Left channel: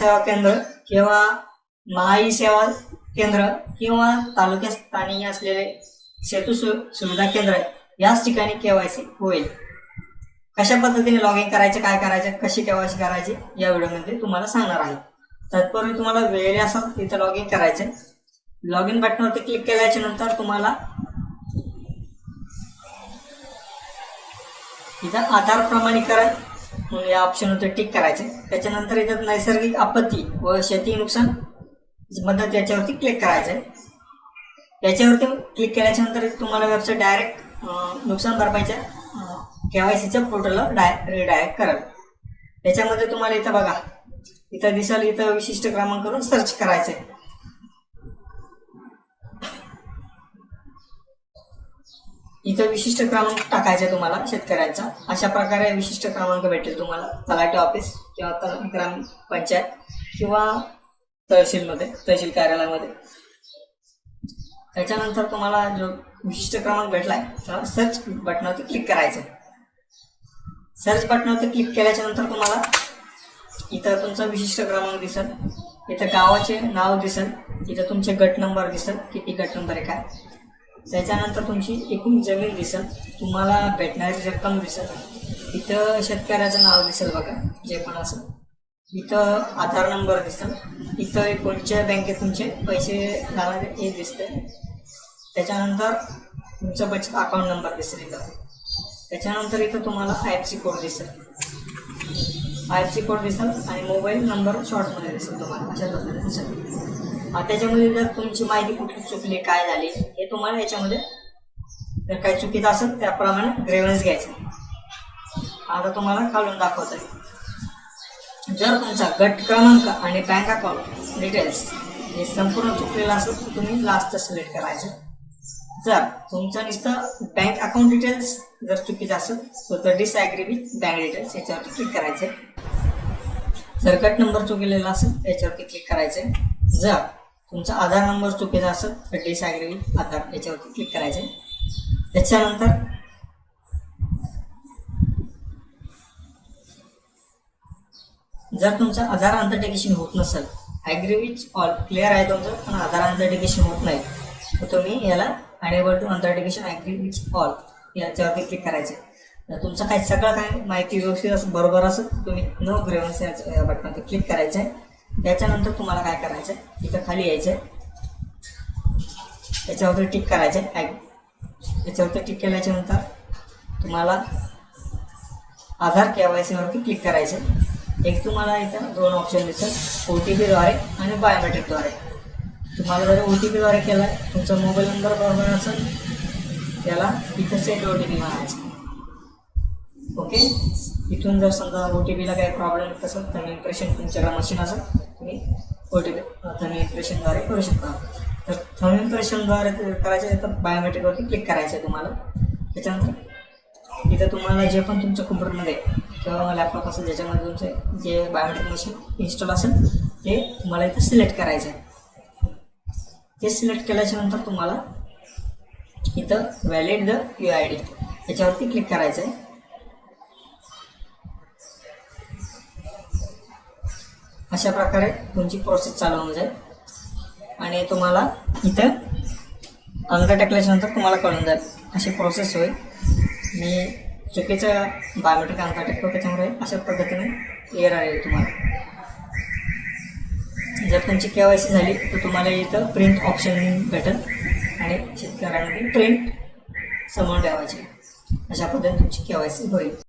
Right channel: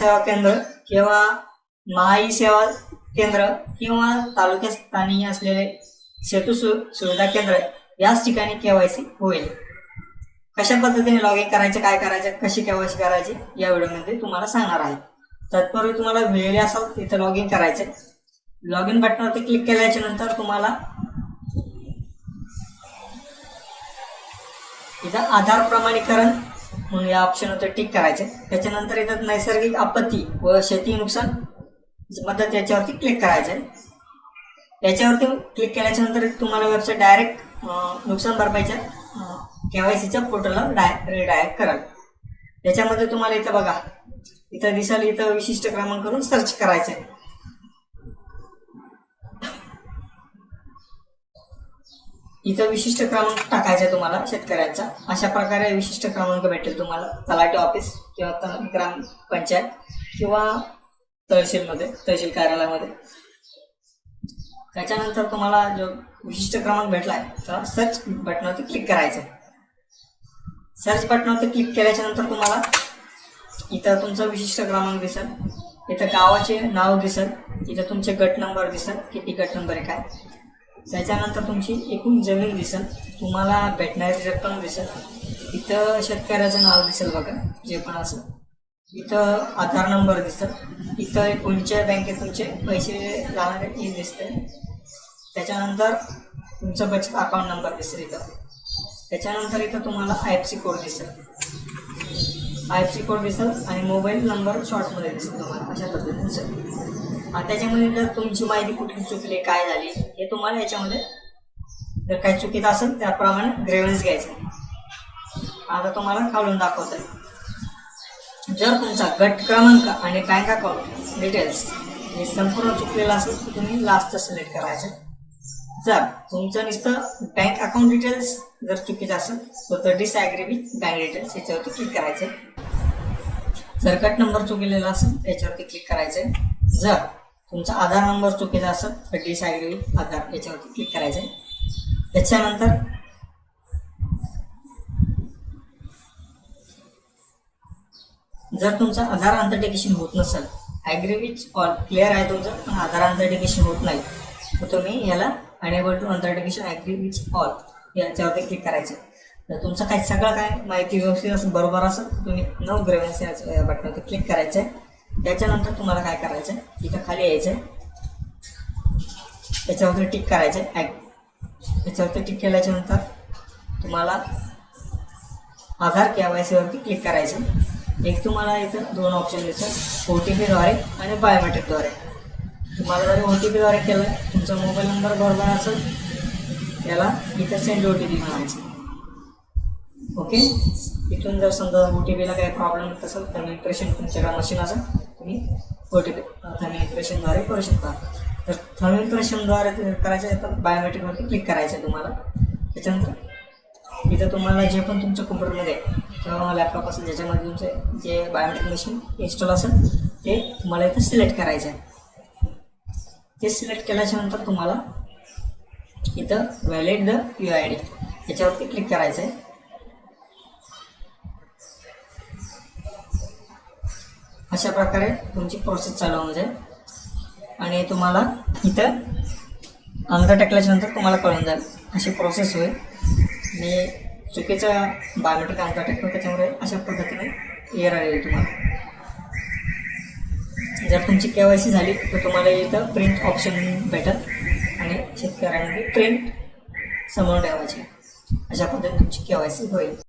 सेवा केंद्र किंवा महाई सेवा केंद्र किंवा तालुक्यात स्थानी असलेले सेतू सु- सुविधा केंद्र याच ठिकाणी केवायसी होईल. कशा पद्धतीने लॉग इन करायचे काय करायचे कशी केवायसी करायची या व्हिडिओमध्ये तुम्हाला सांगणार आहे. तत्पूर्वी तुम्हाला वेळ असेल तिथं लॉग इन करायचे लॉग इन बटनावरती क्लिक केल्याच्यानंतर तुम्हाला इथं आधार प्रमाणीकरण म्हणून या ऑप्शनवर टिक करायचं. त्याच्यानंतर इथं नैसर्गिक आपत्ती व शेती नुकसान. बद्दल याच्यावरती क्लिक करायचे. याच्यावरती क्लिक केल्याच्यानंतर तुम्हाला वेबसाईट डायरेक्ट नुकसान भरपाईच्या केवायसीच्या पोर्टलला डाय रिडायरेक्ट कराल. त्याच्यामध्ये तुम्हाला इथं बघा. इथं दिसाल इथं विशिष्ट क्रमांक करून सर्च करायचं आहे इथं विशिष्ट क्रमांक टाकायचा तुम्हाला शेतकऱ्यांचा. अशा प्रकारे विशिष्ट क्रमांक भेटेल तुम्हाला. तलाठी ऑफिस किंवा तल- ग्राम पंचायत किंवा तहसीलमध्ये तहसील कार्यालयामध्ये. त्याच्यानंतर तुम्हाला जो विशिष्ट क्रमांक भेटलाय तर सर्च बटनावरती क्लिक करायचं. सर्च बटनावरती क्लिक केल्याच्यानंतर तुम्हाला इथं तुमचा विशिष्ट क्रमांक दिसत इथं गावाचे नाव दिसत इथं तुमचे गट नंबर दिसत किती गट नंबर आहे काय? त्याच्यानंतर तुमची एकूण जमीन दिसेल तुम्हाला भेटणारी रक्कम दिसेल. इथं शेतकऱ्याचं नाव दिसेल बघा जे पण असेल इथं आधार नंबर दिसेल. इथं कोणच्या बँकेत तुमचे पैसे लागणारे हे दिसते त्याच्यानंतर तुमचं बचत अकाउंट नंबर दिसेल इथं. त्याच्यानंतर इथं तुम्हाला आय एफ सी कोड दिसेल. आय एफ सी कोड दिसेल आणि मोबाईल नंबर शॉर्टमध्ये दिसेल तुम्हाला. अशा पद्धतीने दिसेल. त्याच्यामध्ये जर तुमची माहिती कुठली चुकली काय झाली हे तुम्हाला याच्यामध्ये जर काय चुकीचं असेल त्याप्रमाणे ग्रेव्हन्स घ्यायचं. आता तुम्हाला काढून दाखवतं. जर तुमचा गट क्रमांक आणि बँक अकाउंट डिटेल्स हे संपूर्ण चुकलेलं असेल तर तुम्ही लास्ट सिलेक्ट करायचं. जर तुमचं नुसतं बँक अकाउंट डिटेल्स जर चुकीचं असेल तर डिसॲग्री विथ बँक डिटेल्स याच्यावरती क्लिक करायचं. जर कट नंबर चुकलेला असेल याच्यावरती क्लिक करायचं. जर तुमचा आधार नंबर चुकीचा असेल तर डिसॲग्री विथ आधार याच्यावरती क्लिक करायचं त्याच्यानंतर जर तुमचं आधार अंतर्टेकेशन होत नसेल ॲग्री विच ऑल क्लिअर आहे तुमचं पण आधार अंतर्टेकेशन होत नाही तर तुम्ही याला अनेबल टू अंतर्टेकेशन ॲग्री विच ऑल याच्यावरती क्लिक करायचं तर तुमचं काय सगळं काय माहिती व्यवस्थित असं बरोबर असेल तुम्ही नो ग्रेव्हन्स या बटनवरती क्लिक करायचं आहे त्याच्यानंतर तुम्हाला काय करायचं आहे इथं खाली यायचं आहे त्याच्यावरती टिक करायचं आहे ॲग याच्यावरती टिक केल्याच्यानंतर तुम्हाला आधार के वाय सीवरती क्लिक करायचं एक तुम्हाला इथं दोन ऑप्शन दिसतात. ओ टी पीद्वारे आणि बायोमेट्रिकद्वारे तुम्हाला जर ओ टी पीद्वारे केला आहे तुमचा मोबाईल नंबर बरोबर असेल त्याला इथं सेंड ओ टी पी म्हणायचं. ओके इथून जर समजा ओ टी पीला काही प्रॉब्लेम येत असेल तर इम्प्रेशन तुमच्याकडे मशीन असेल तुम्ही ओ टी पी इम्प्रेशनद्वारे करू शकता. तर थर्मल इम्प्रेशनद्वारे करायचं आहे तर बायोमेट्रिकवरती क्लिक करायचं आहे तुम्हाला. त्याच्यानंतर इथं तुम्हाला जे पण तुमच्या कम्प्युटरमध्ये किंवा लॅपटॉप असेल ज्याच्यामध्ये तुमचे जे बायोमेट्रिक मशीन इन्स्टॉल असेल ते तुम्हाला इथं सिलेक्ट करायचं आहे. ते सिलेक्ट केल्याच्यानंतर तुम्हाला इथं validate U I D याच्यावरती क्लिक करायचं आहे. अशा प्रकारे तुमची प्रोसेस चालू होऊन जाईल. आणि तुम्हाला इथं अंगठा टाकल्याच्यानंतर तुम्हाला कळून जाईल. अशी प्रोसेस होईल. मी चुकीचं बायोमेट्रिक अंगठा टाकतो त्याच्यामुळे अशा पद्धतीने एअर येईल तुम्हाला. जर तुमची के वाय सी झाली तर तुम्हाला इथं प्रिंट ऑप्शन भेटत आणि शेतकऱ्यांनी प्रिंट समोर ठेवायची. अशा पद्धतीने तुमची के वाय सी होईल.